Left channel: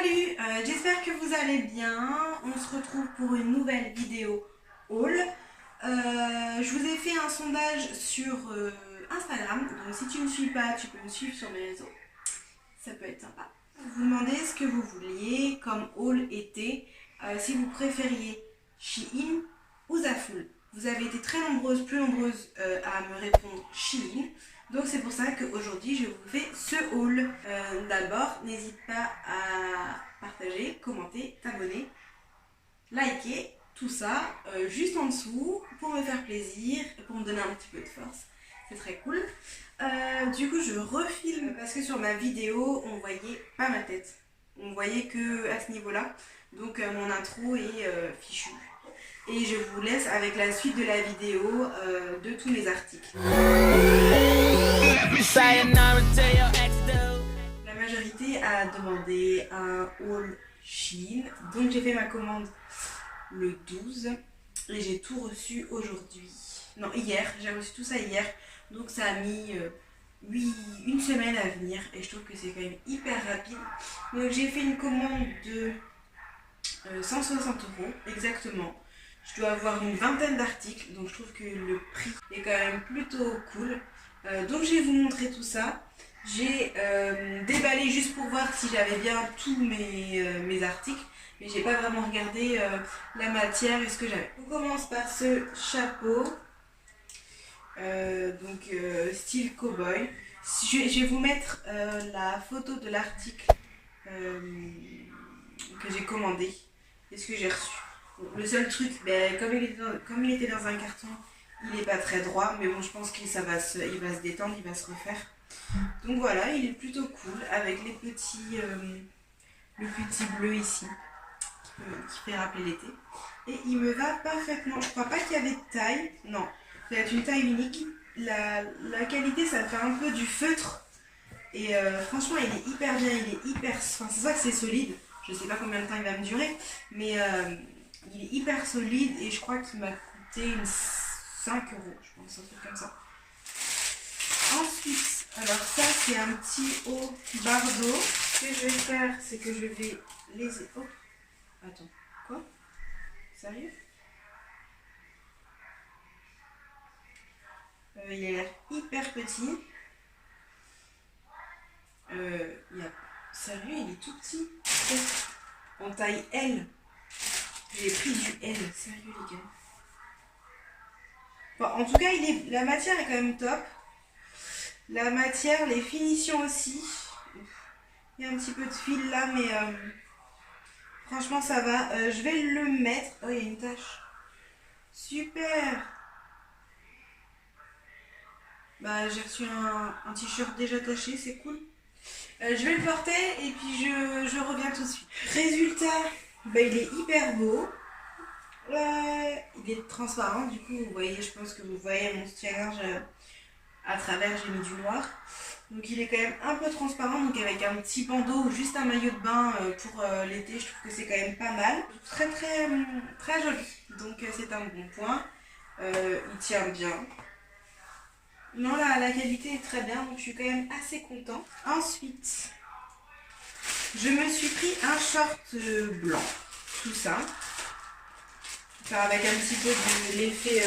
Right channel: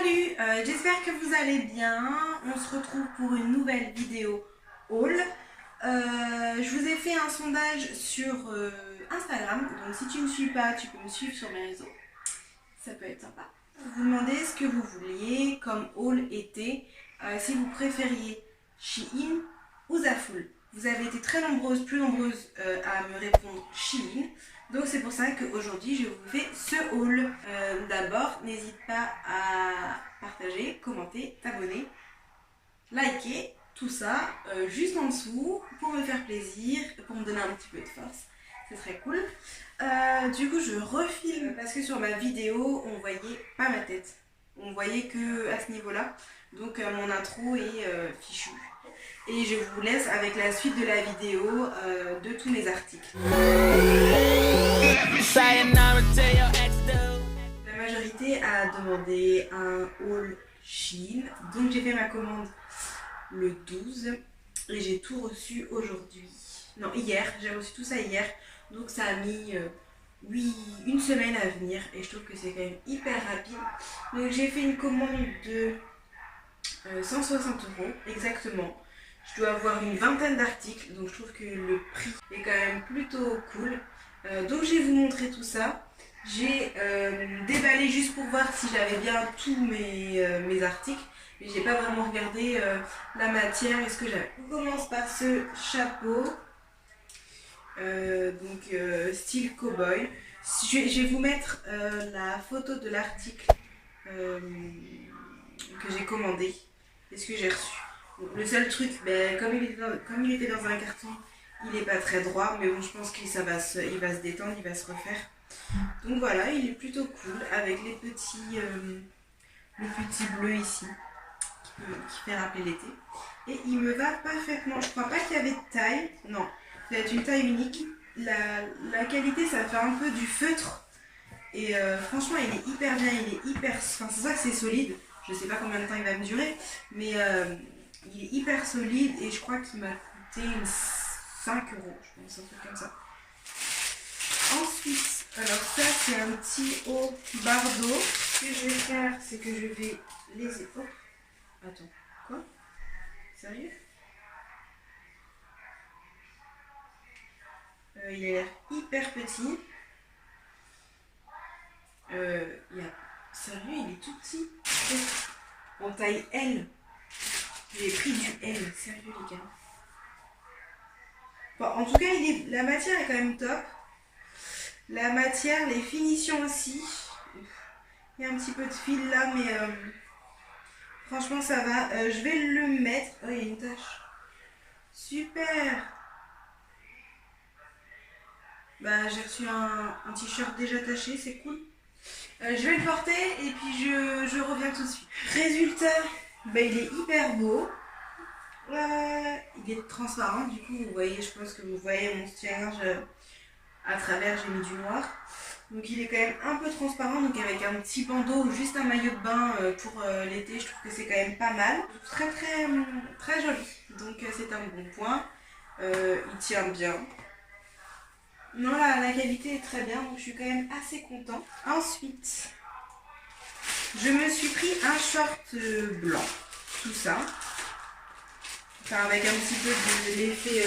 Salut, j'espère que vous allez bien. On se retrouve pour une nouvelle vidéo haul. Je vous ai fait un sondage sur Instagram, donc si tu ne me suis pas, tu peux me suivre sur mes réseaux. Ça peut être sympa. Vous demandez ce que vous vouliez comme haul été, si vous préfériez Shein ou Zaful. Vous avez été très nombreuses, plus nombreuses à me répondre Shein. Donc c'est pour ça qu'aujourd'hui je vous fais ce haul. D'abord, n'hésite pas à partager, commenter, t'abonner, liker, tout ça juste en dessous pour me faire plaisir, pour me donner un petit peu de force. C'est très cool. Du coup je refilme parce que sur ma vidéo on voyait pas ma tête. On voyait que à ce niveau-là. Donc mon intro est fichu. Et je vous laisse avec la suite de la vidéo de tous mes articles. La majorité a demandé un haul Shein. Donc j'ai fait ma commande le 12 et j'ai tout reçu aujourd'hui. Non, hier. J'ai reçu tout ça hier. Donc ça a mis une semaine à venir et je trouve que c'est quand même hyper rapide. Donc j'ai fait une commande de 160 € exactement. Je dois avoir une vingtaine d'articles, donc je trouve que le prix est quand même plutôt cool. Donc je vais vous montrer tout ça. J'ai déballé juste pour voir si j'avais bien tous mes articles, mais j'ai pas vraiment regardé la matière et ce que j'avais. On commence par ce chapeau, style cowboy. Je vais vous mettre la photo de l'article que j'ai commandé et ce que j'ai reçu. Le seul truc, comme il était dans un carton, il n'est pas très droit, mais bon, je pense qu'il va se détendre, il va se refaire. Donc voilà, il est plutôt cool avec le petit bleu ici qui fait rappeler l'été. Et il me va parfaitement. Je crois pas qu'il y avait de taille, non, ça va être une taille unique. La qualité, ça fait un peu du feutre et franchement, il est hyper bien, il est hyper. Enfin, c'est ça que c'est solide. Je sais pas combien de temps il va me durer, mais il est hyper solide et je crois qu'il m'a coûté 5 €, je pense, un truc comme ça. Ensuite, alors ça c'est un petit haut bardeau. Ce que je vais faire, c'est que je vais les... Oh, attends, quoi? Sérieux? Il a l'air hyper petit. Sérieux, il est tout petit. En taille L. J'ai pris du L, sérieux les gars. Bon, en tout cas, la matière est quand même top. La matière, les finitions aussi. Il y a un petit peu de fil là, mais franchement ça va. Je vais le mettre. Oh, il y a une tache. Super. Bah, j'ai reçu un t-shirt déjà taché, c'est cool. Je vais le porter et puis je reviens tout de suite. Résultat, bah, il est hyper beau. Il est transparent, du coup vous voyez, je pense que vous voyez mon soutien-gorge à travers, j'ai mis du noir. Donc il est quand même un peu transparent, donc avec un petit bandeau ou juste un maillot de bain pour l'été, je trouve que c'est quand même pas mal. Très très très joli, donc c'est un bon point. Il tient bien. Non, la qualité est très bien, donc je suis quand même assez contente. Ensuite, je me suis pris un short blanc, tout ça. Enfin, avec un petit peu de l'effet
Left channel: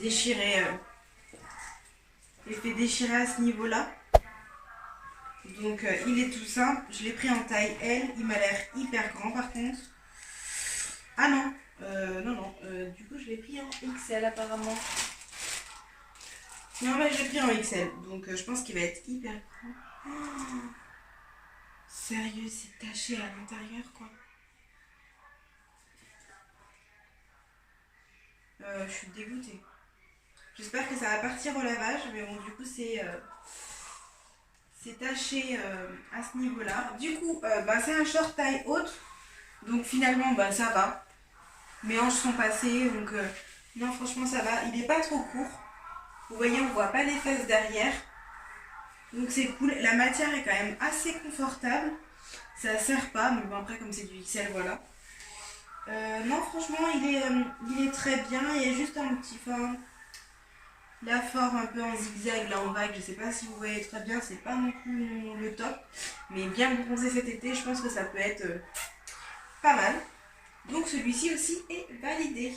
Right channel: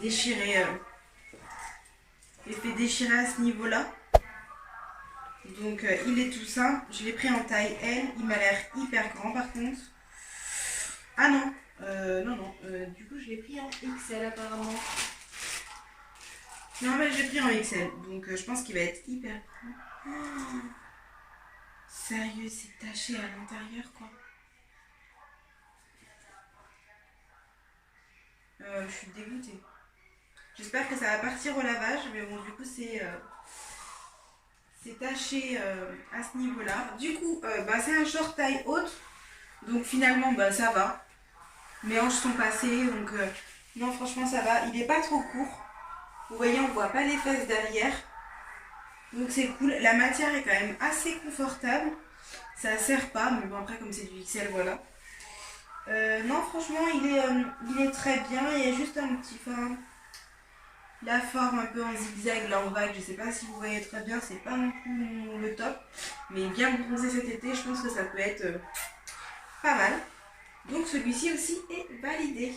déchiré. L'effet déchiré à ce niveau-là. Donc il est tout simple. Je l'ai pris en taille L. Il m'a l'air hyper grand par contre. Ah non. Non. Du coup je l'ai pris en XL apparemment. Non, je l'ai pris en XL. Donc je pense qu'il va être hyper grand. Oh, sérieux, c'est taché à l'intérieur quoi. Je suis dégoûtée. J'espère que ça va partir au lavage. Mais bon, du coup c'est taché à ce niveau-là. Du coup, c'est un short taille haute. Donc finalement, ça va. Mes hanches sont passées. Donc non, franchement, ça va. Il n'est pas trop court. Vous voyez, on ne voit pas les fesses derrière. Donc c'est cool. La matière est quand même assez confortable. Ça ne serre pas. Mais bon, après, comme c'est du XL, voilà. Non, franchement, il est très bien. Il y a juste un petit... La forme un peu en zigzag, là en vague, je sais pas si vous voyez très bien, c'est pas non plus le top. Mais bien bronzé cet été, je pense que ça peut être pas mal. Donc celui-ci aussi est validé.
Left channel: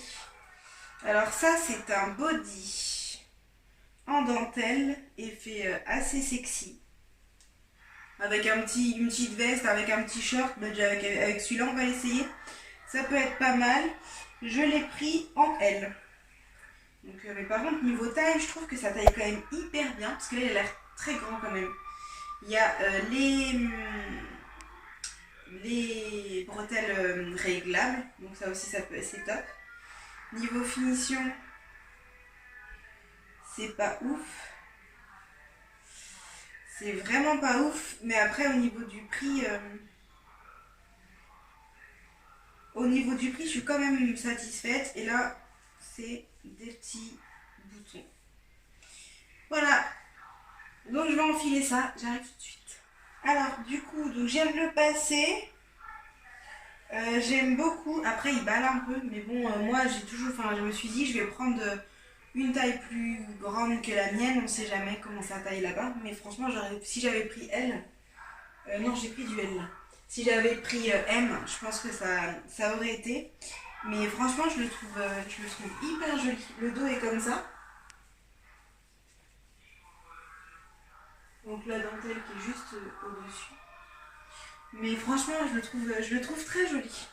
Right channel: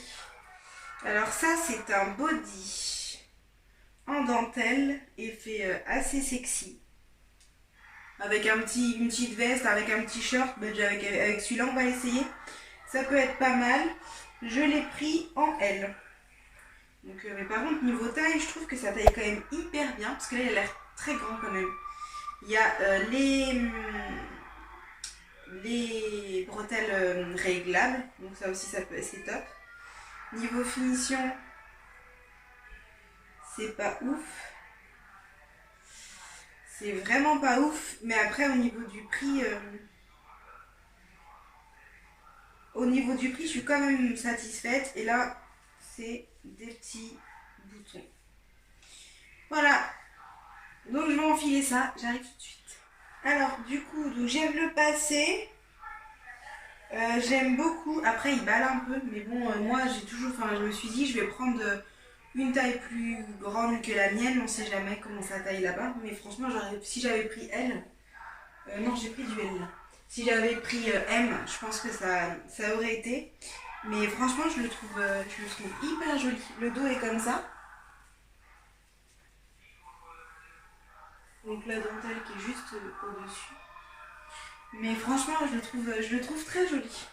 Alors ça, c'est un body en dentelle, effet assez sexy. Avec une petite veste, avec un petit short, avec celui-là on va essayer. Ça peut être pas mal. Je l'ai pris en L. Donc, mais par contre niveau taille, je trouve que ça taille quand même hyper bien. Parce que là il a l'air très grand quand même. Il y a les bretelles réglables. Donc ça aussi c'est top. Niveau finition, c'est pas ouf. C'est vraiment pas ouf. Mais après au niveau du prix... je suis quand même satisfaite. Et là, c'est des petits boutons. Voilà. Donc, je vais enfiler ça. J'arrive tout de suite. Alors, du coup, donc, j'aime le passer. J'aime beaucoup. Après, il balle un peu. Mais bon, moi, je me suis dit, je vais prendre une taille plus grande que la mienne. On sait jamais comment ça taille là-bas. Mais franchement, si j'avais pris L... non, j'ai pris du L là. Si j'avais pris M, je pense que ça aurait été. Mais franchement, je le trouve hyper joli. Le dos est comme ça. Donc la dentelle qui est juste au-dessus. Mais franchement, je le trouve très joli.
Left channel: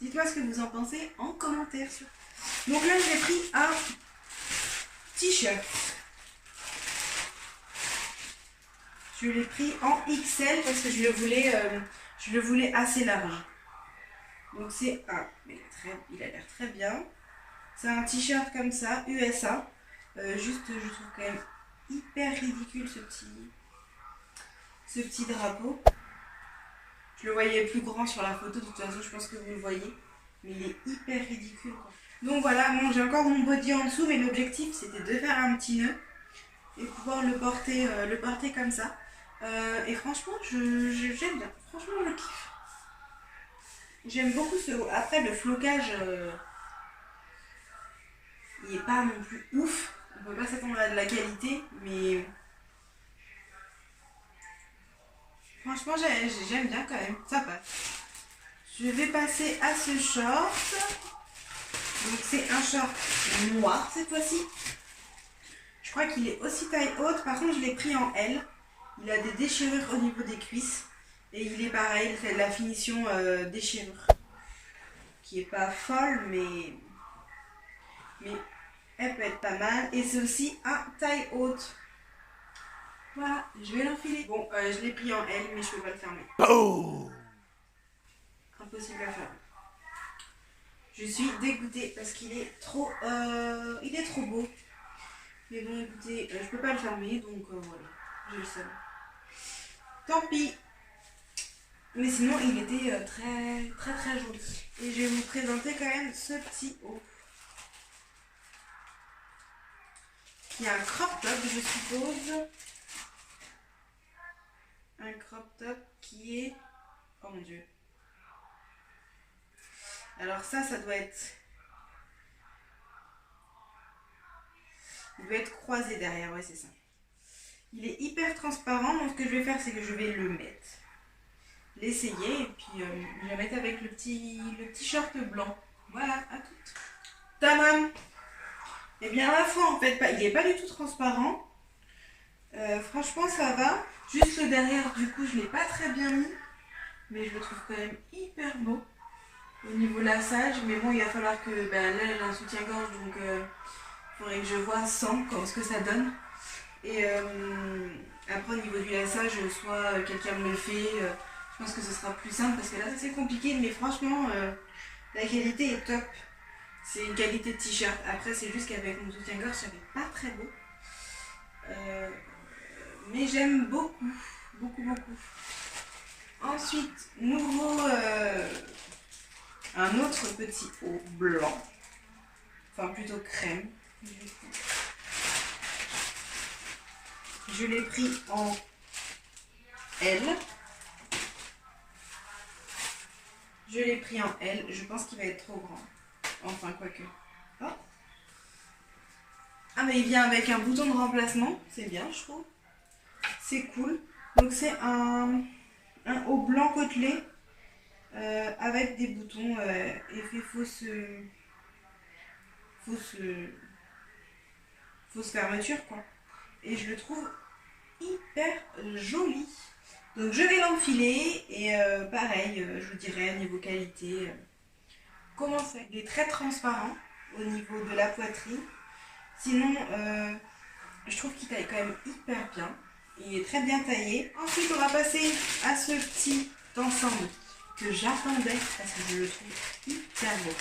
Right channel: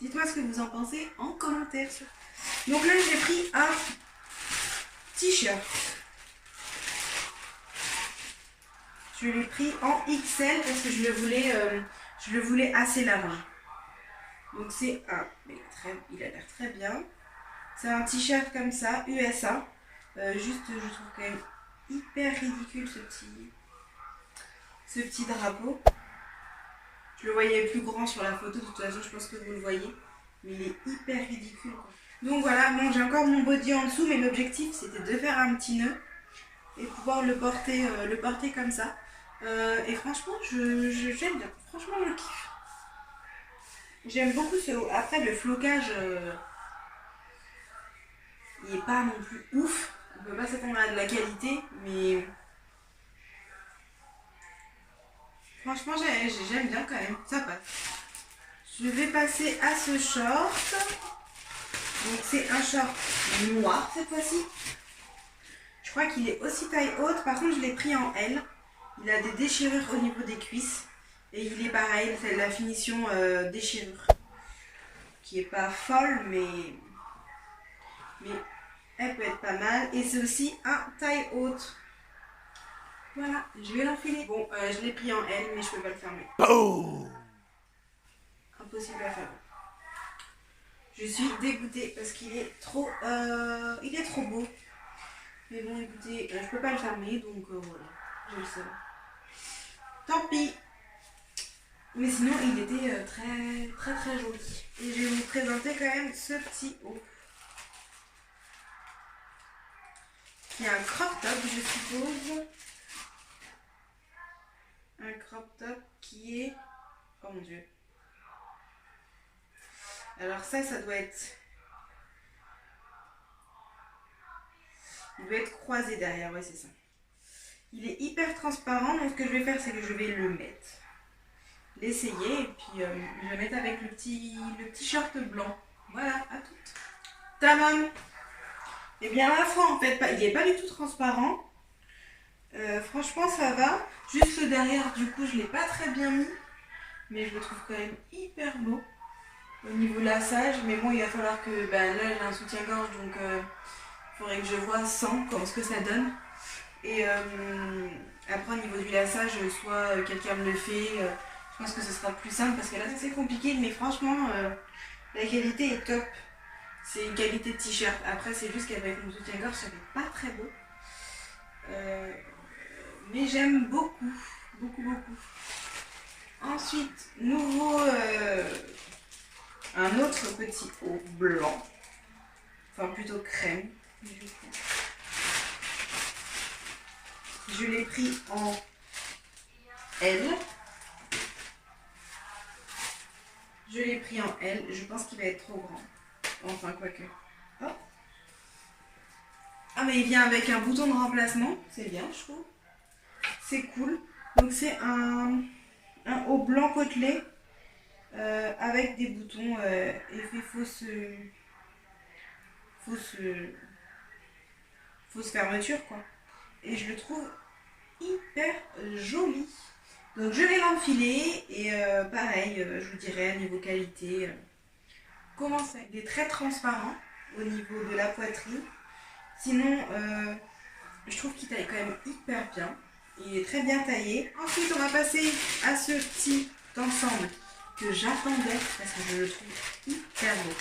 Dites-moi ce que vous en pensez en commentaire. Donc là, j'ai pris un t-shirt. Je l'ai pris en XL parce que je le voulais assez large. Donc c'est il a l'air très bien. C'est un t-shirt comme ça, USA. Juste, je trouve quand même hyper ridicule ce petit drapeau. Je le voyais plus grand sur la photo, de toute façon, je pense que vous le voyez. Mais il est hyper ridicule, quoi. Donc voilà, bon, j'ai encore mon body en dessous, mais l'objectif, c'était de faire un petit nœud et pouvoir le porter comme ça. Et franchement, j'aime bien. Franchement, je kiffe. J'aime beaucoup ce haut. Après, le flocage, il n'est pas non plus ouf. On peut pas s'attendre à de la qualité, mais franchement, j'aime bien quand même. Ça passe. Je vais passer à ce short. Donc, c'est un short noir cette fois-ci. Je crois qu'il est aussi taille haute. Par contre, je l'ai pris en L. Il a des déchirures au niveau des cuisses. Et il est pareil, c'est la finition déchirure. Qui est pas folle, mais elle peut être pas mal. Et c'est aussi un taille haute. Voilà, je vais l'enfiler. Bon, je l'ai pris en L, mais je peux pas le fermer. Oh, impossible à fermer. Je suis dégoûtée parce qu'il est trop beau. Mais bon, écoutez, je peux pas le fermer, donc voilà, j'ai le seum. Tant pis. Mais sinon, il était très, très, très joli. Et je vais vous présenter quand même ce petit haut. Qui est un crop top, je suppose. Un crop top qui est... Oh mon dieu. Alors ça doit être... Il doit être croisé derrière, ouais c'est ça. Il est hyper transparent, donc ce que je vais faire, c'est que je vais le mettre. L'essayer, et puis je vais mettre avec le petit short blanc. Voilà, à toutes. Tamam. Et bien à la fois, en fait, il n'est pas du tout transparent. Franchement, ça va. Juste le derrière, du coup, je ne l'ai pas très bien mis. Mais je le trouve quand même hyper beau. Au niveau lassage, mais bon, il va falloir que... là, j'ai un soutien-gorge, donc il faudrait que je vois sans ce que ça donne. Et après, au niveau du lassage, soit quelqu'un me le fait, je pense que ce sera plus simple, parce que là, c'est compliqué, mais franchement, la qualité est top. C'est une qualité de t-shirt. Après, c'est juste qu'avec mon soutien-gorge, ça fait pas très beau. Mais j'aime beaucoup, beaucoup, beaucoup. Ensuite, un autre petit haut blanc. Enfin, plutôt crème, du coup. Je l'ai pris en L. Je l'ai pris en L. Je pense qu'il va être trop grand. Enfin, quoique. Oh. mais il vient avec un bouton de remplacement. C'est bien, je trouve. C'est cool. Donc c'est un haut blanc côtelé avec des boutons effet fausse fermeture, quoi. Et je le trouve hyper joli. Donc je vais l'enfiler et pareil, je vous dirai niveau qualité comment c'est. Il est très transparent au niveau de la poitrine. Sinon, je trouve qu'il taille quand même hyper bien. Il est très bien taillé. Ensuite, on va passer à ce petit ensemble que j'attendais parce que je le trouve hyper beau.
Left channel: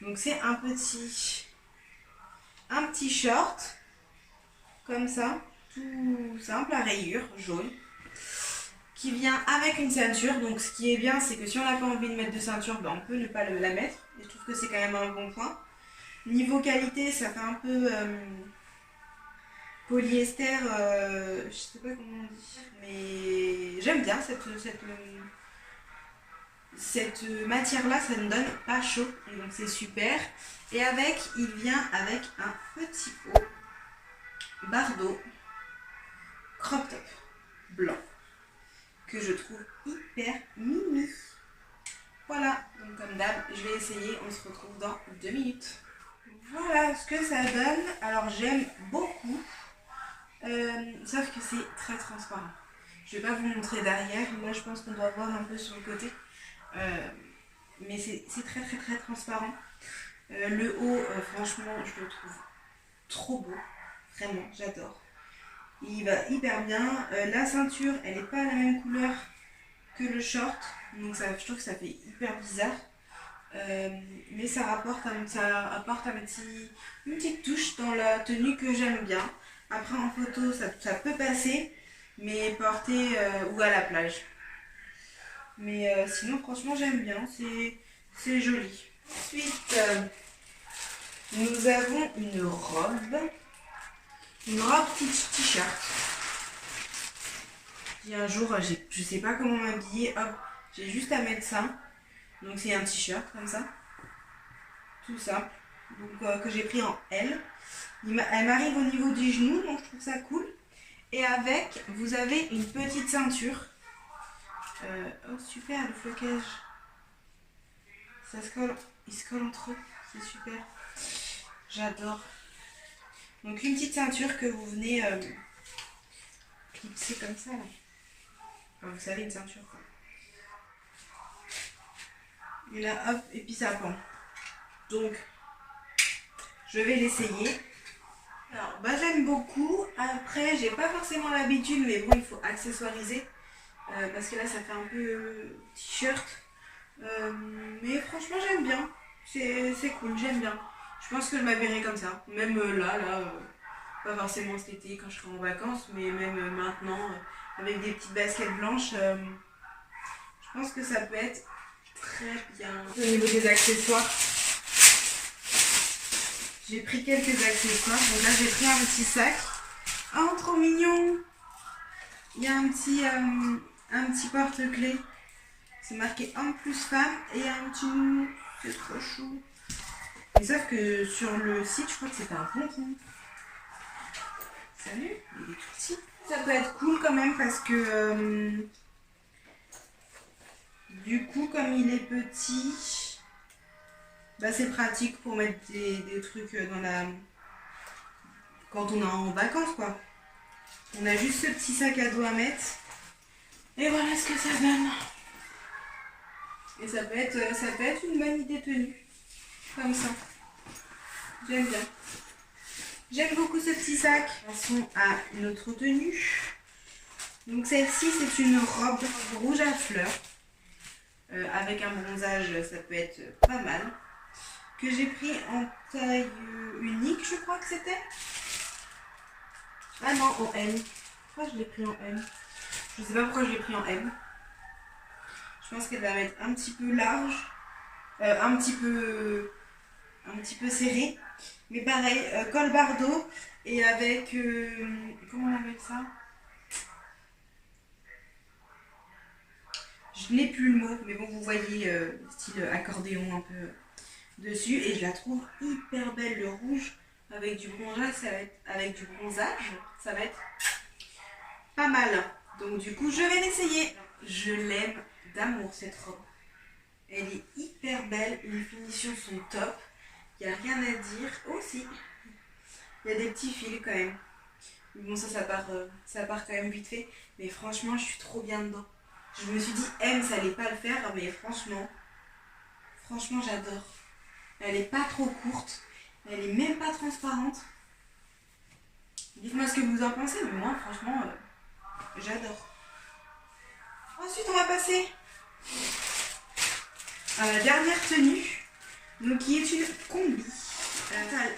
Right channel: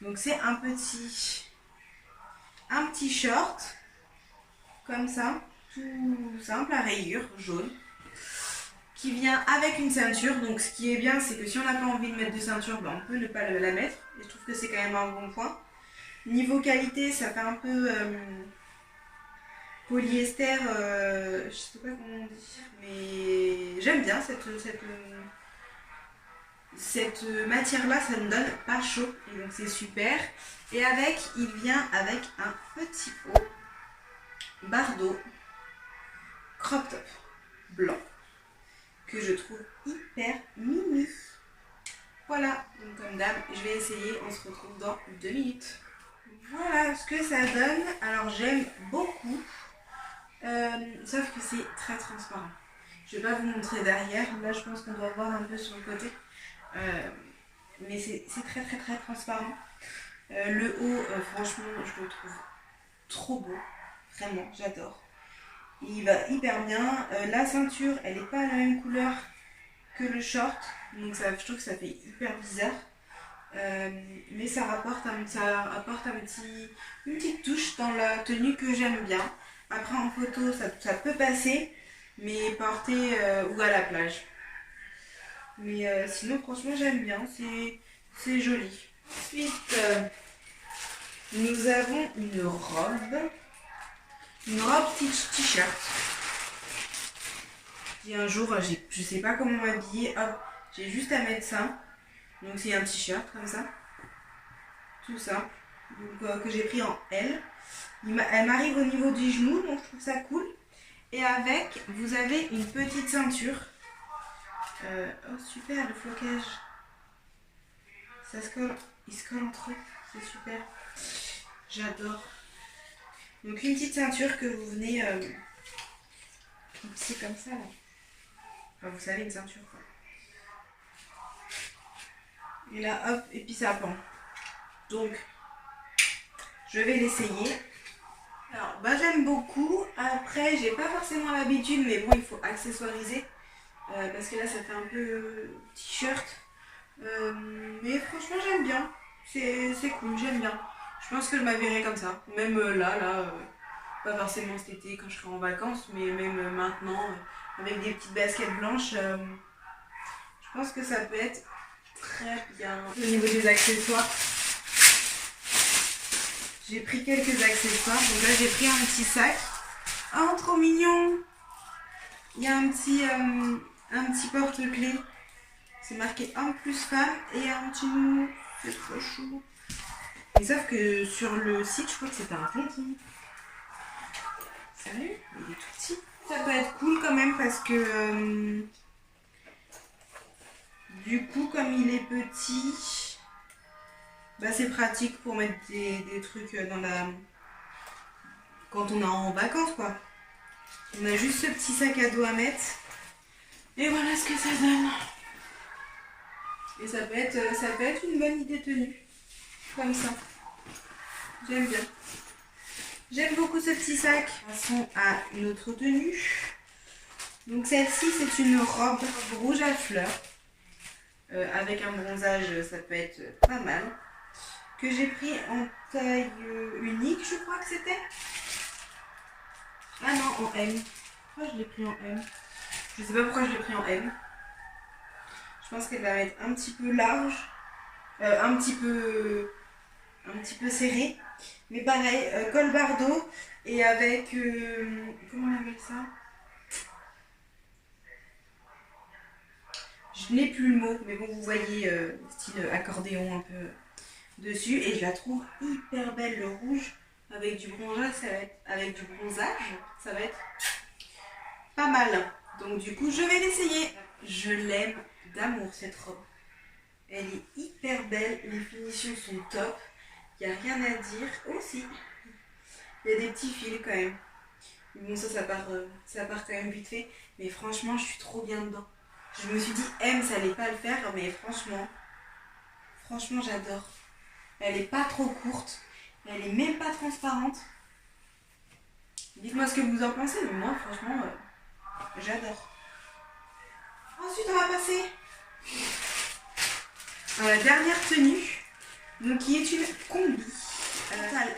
Donc c'est un petit short comme ça, tout simple à rayures jaune, qui vient avec une ceinture. Donc ce qui est bien, c'est que si on n'a pas envie de mettre de ceinture, ben, on peut ne pas la mettre. Et je trouve que c'est quand même un bon point. Niveau qualité, ça fait un peu polyester, je sais pas comment on dit, mais j'aime bien cette matière-là, ça ne donne pas chaud. Et donc c'est super. Et il vient avec un petit haut Bardot crop top blanc que je trouve hyper mimi. Voilà, donc comme d'hab, je vais essayer, on se retrouve dans 2 minutes. Voilà ce que ça donne. Alors j'aime beaucoup, sauf que c'est très transparent. Je vais pas vous montrer derrière, là je pense qu'on doit voir un peu sur le côté. Mais c'est très très très transparent. Le haut, franchement, je le trouve trop beau. Vraiment, j'adore. Il va hyper bien. La ceinture, elle n'est pas la même couleur que le short. Donc je trouve que ça fait hyper bizarre. Mais ça apporte une petite touche dans la tenue que j'aime bien. Après en photo, ça peut passer, mais porter ou à la plage. Mais sinon, franchement, j'aime bien. C'est joli. Ensuite, nous avons une robe t-shirt. Puis un jour, je sais pas comment m'habiller. Hop, j'ai juste à mettre ça. Donc c'est un t-shirt comme ça. Tout simple. Donc, que j'ai pris en L. Elle m'arrive au niveau du genou, donc je trouve ça cool. Et avec, vous avez une petite ceinture. Oh super, le flocage. Il se colle entre eux. C'est super. J'adore. Donc une petite ceinture que vous venez clipser comme ça là. Enfin, vous savez, une ceinture quoi. Et là hop, et puis ça pend. Donc je vais l'essayer. Alors bah j'aime beaucoup. Après j'ai pas forcément l'habitude, mais bon il faut accessoiriser. Parce que là ça fait un peu t-shirt. Mais franchement j'aime bien. C'est cool, j'aime bien. Je pense que je m'habillerai comme ça. Même là, pas forcément cet été quand je serai en vacances, mais même maintenant, avec des petites baskets blanches, je pense que ça peut être très bien. Au niveau des accessoires, j'ai pris quelques accessoires. Donc là, j'ai pris un petit sac. Oh, trop mignon! Il y a un petit porte-clés. C'est marqué homme plus femme et un petit nounou. C'est trop chou. Et sauf que sur le site, je crois que c'était un tonton. Salut, il est tout petit. Ça peut être cool quand même parce que du coup, comme il est petit, bah c'est pratique pour mettre des trucs dans quand on est en vacances quoi. On a juste ce petit sac à dos à mettre. Et voilà ce que ça donne. Et ça peut être une bonne idée tenue. Comme ça. J'aime bien. J'aime beaucoup ce petit sac. Passons à une autre tenue. Donc celle-ci, c'est une robe rouge à fleurs. Avec un bronzage, ça peut être pas mal. Que j'ai pris en taille unique, je crois que c'était. Ah non, en M. Pourquoi je l'ai pris en M? Je sais pas pourquoi je l'ai pris en M. Je pense qu'elle va mettre un petit peu large. Un petit peu serré. Mais pareil, col Bardot. Et avec... comment on appelle ça? Je n'ai plus le mot. Mais bon, vous voyez style accordéon un peu dessus. Et je la trouve hyper belle. Le rouge avec du bronzage, ça va être pas mal. Donc du coup, je vais l'essayer. Je l'aime d'amour cette robe. Elle est hyper belle, les finitions sont top. Il n'y a rien à dire. Oh si, il y a des petits fils quand même. Bon ça part quand même vite fait. Mais franchement, je suis trop bien dedans. Je me suis dit, ça allait pas le faire, mais franchement, j'adore. Elle est pas trop courte. Elle est même pas transparente. Dites-moi ce que vous en pensez, mais moi, franchement, j'adore. Ensuite, on va passer à la dernière tenue, donc qui est une combi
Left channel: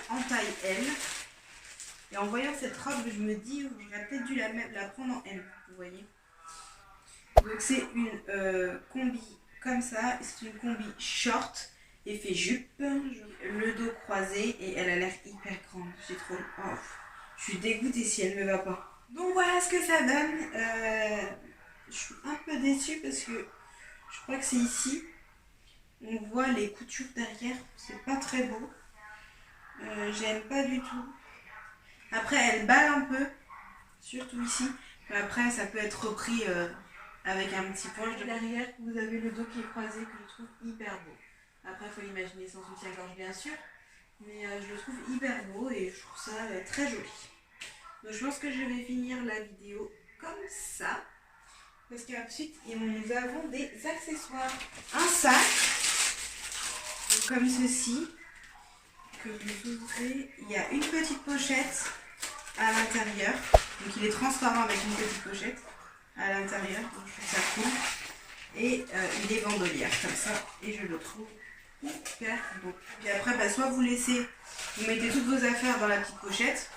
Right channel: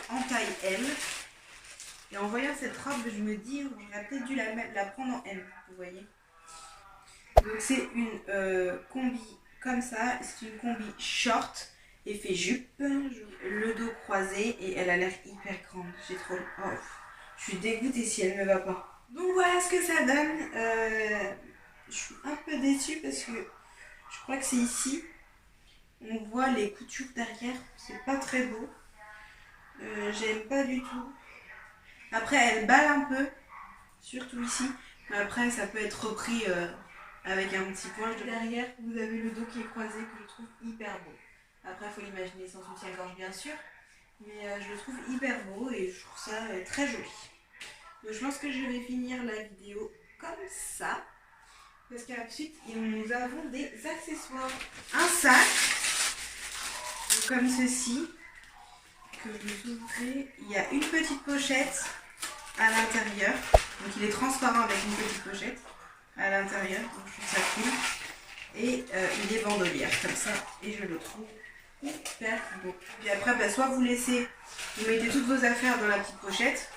en taille L. Et en voyant cette robe, je me dis, j'aurais peut-être dû la prendre en M, vous voyez. Donc c'est une combi comme ça, c'est une combi short, effet jupe, le dos croisé et elle a l'air hyper grande. J'ai trop... Oh, je suis dégoûtée si elle ne me va pas. Donc voilà ce que ça donne. Je suis un peu déçue parce que je crois que c'est ici. On voit les coutures derrière, c'est pas très beau. J'aime pas du tout. Après elle balle un peu, surtout ici. Mais après ça peut être repris avec un petit point. Derrière vous avez le dos qui est croisé que je trouve hyper beau. Après il faut l'imaginer sans soutien-gorge bien sûr. Mais je le trouve hyper beau et je trouve ça très joli. Donc je pense que je vais finir la vidéo comme ça. Parce qu'ensuite nous avons des accessoires. Un sac, comme ceci, que vous ouvrez. Il y a une petite pochette à l'intérieur. Donc il est transparent avec une petite pochette à l'intérieur. Donc je trouve ça cool. Et il est bandolière comme ça. Et je le trouve hyper beau. Puis après, soit vous mettez toutes vos affaires dans la petite pochette.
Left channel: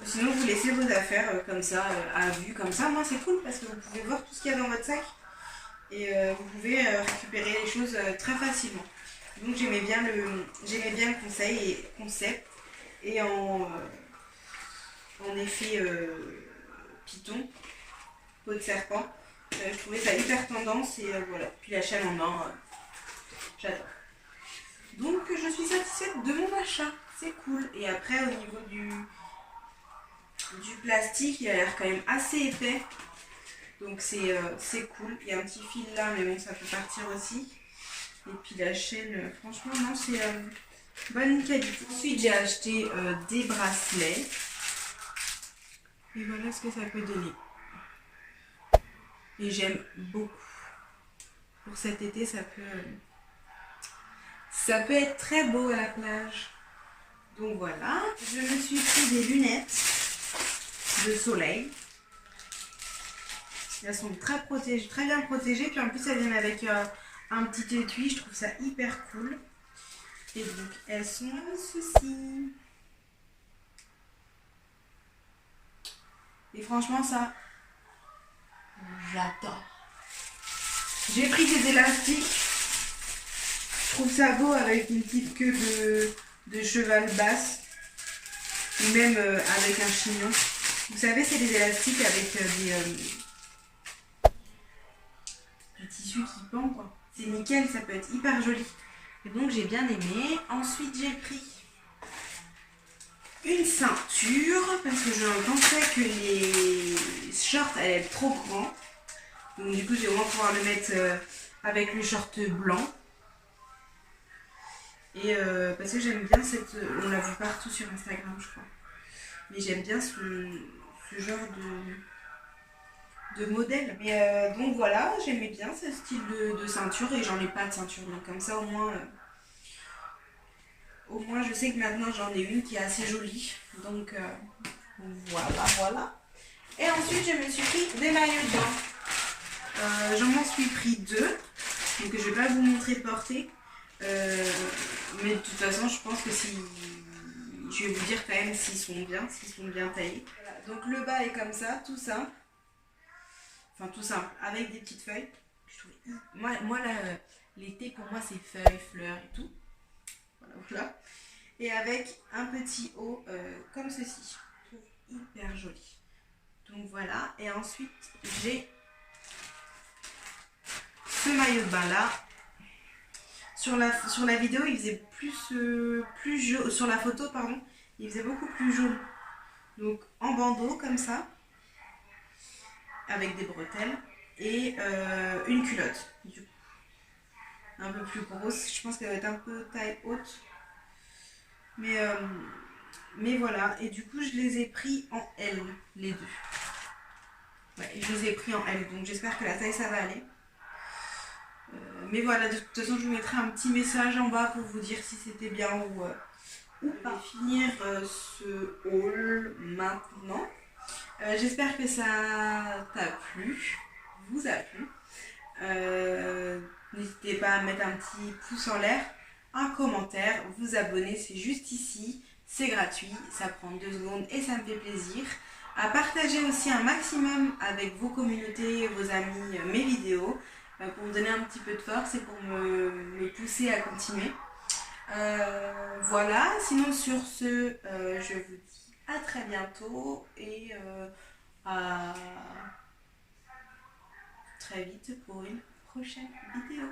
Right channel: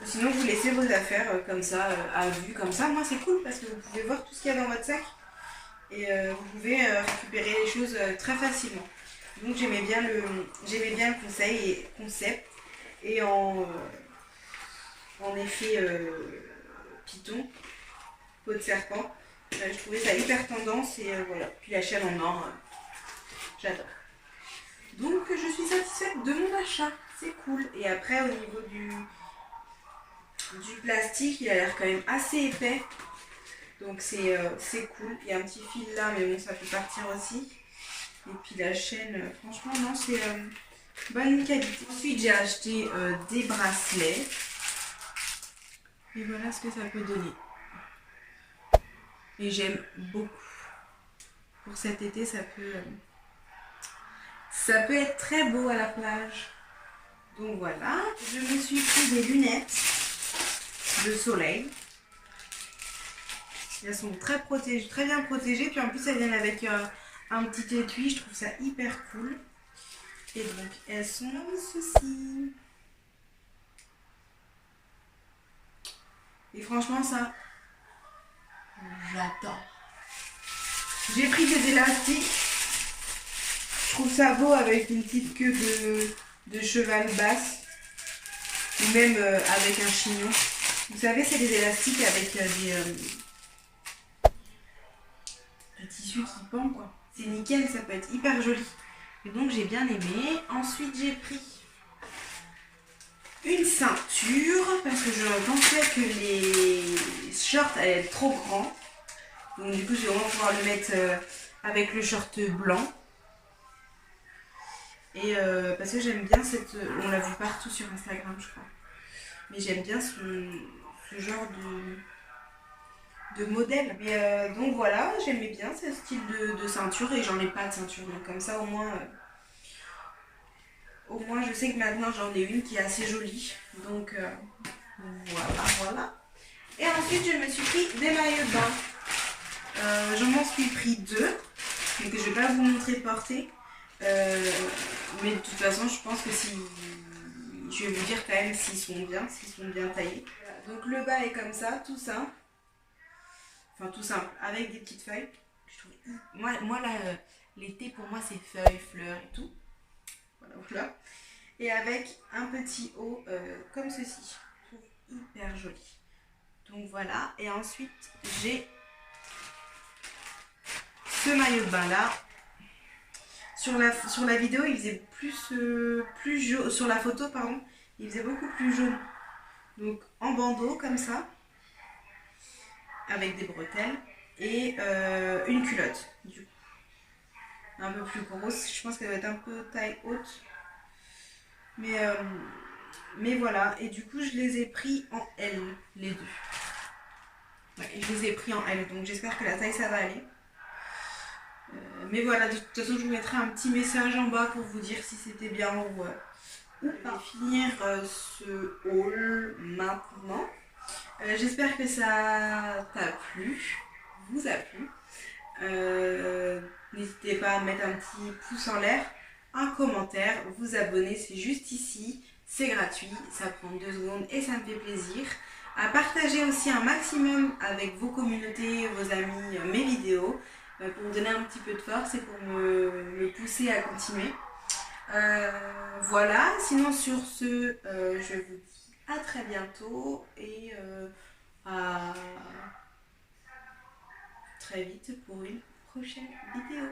Ou sinon vous laissez vos affaires comme ça, à vue, comme ça. Moi c'est cool parce que vous pouvez voir tout ce qu'il y a dans votre sac. Et vous pouvez récupérer les choses très facilement. Donc j'aimais bien le concept. Et en effet python, peau de serpent. Je trouvais ça hyper tendance et voilà. Puis la chaîne en or, j'adore. Donc je suis satisfaite de mon achat. C'est cool. Et après au niveau du plastique, il a l'air quand même assez épais. Donc c'est cool. Il y a un petit fil là, mais bon, ça peut partir aussi. Et puis la chaîne, franchement, non, c'est bonne qualité. Ensuite, j'ai acheté des bracelets. Et voilà ce que ça peut donner. Et j'aime beaucoup. Pour cet été, ça peut être très beau à la plage. Donc voilà. Je me suis pris des lunettes de soleil. Elles sont très bien protégées. Puis en plus, elles viennent avec un petit étui. Je trouve ça hyper cool. Et donc, elles sont ceci. Et franchement, ça, j'adore. J'ai pris des élastiques. Je trouve ça beau avec une petite queue de cheval basse. Ou même avec un chignon. Vous savez, c'est des élastiques avec du tissu qui pend, quoi. C'est nickel, ça peut être hyper joli. Et donc j'ai bien aimé. Ensuite j'ai pris une ceinture parce que je pensais que les shorts allaient être trop grands. Donc du coup je vais vraiment pouvoir le mettre avec le short blanc. Et parce que j'aime bien on l'a vu partout sur Instagram je crois. Mais j'aime bien ce genre de modèle. Mais donc voilà, j'aimais bien ce style de ceinture et j'en ai pas de ceinture. Donc comme ça au moins je sais que maintenant j'en ai une qui est assez jolie. Donc voilà. Et ensuite je me suis pris des maillots de bain. J'en suis pris 2. Donc je vais pas vous montrer porter. Mais de toute façon je pense que je vais vous dire quand même s'ils sont bien taillés. Voilà. Donc le bas est comme ça, tout simple. Enfin tout simple, avec des petites feuilles. Je trouve... Moi là, l'été pour moi c'est feuilles, fleurs et tout. Voilà. Et avec un petit haut comme ceci. Je trouve hyper joli. Donc voilà. Et ensuite j'ai ce maillot de bain là. Sur la vidéo il faisait plus jaune. Sur la photo pardon, il faisait beaucoup plus jaune. Donc en bandeau comme ça, avec des bretelles et une culotte. Du coup, un peu plus grosse. Je pense qu'elle va être un peu taille haute. Mais voilà. Et du coup, je les ai pris en L, les deux. Ouais, je les ai pris en L. Donc j'espère que la taille, ça va aller. Mais voilà, de toute façon, je vous mettrai un petit message en bas pour vous dire si c'était bien ou pas. Je vais finir ce haul maintenant. J'espère que ça t'a plu, vous a plu. N'hésitez pas à mettre un petit pouce en l'air, un commentaire, vous abonner, c'est juste ici, c'est gratuit, ça prend 2 secondes et ça me fait plaisir. À partager aussi un maximum avec vos communautés, vos amis, mes vidéos, pour me donner un petit peu de force et pour me pousser à continuer. Voilà, sinon sur ce, je vous dis à très bientôt et à très vite pour une prochaine vidéo.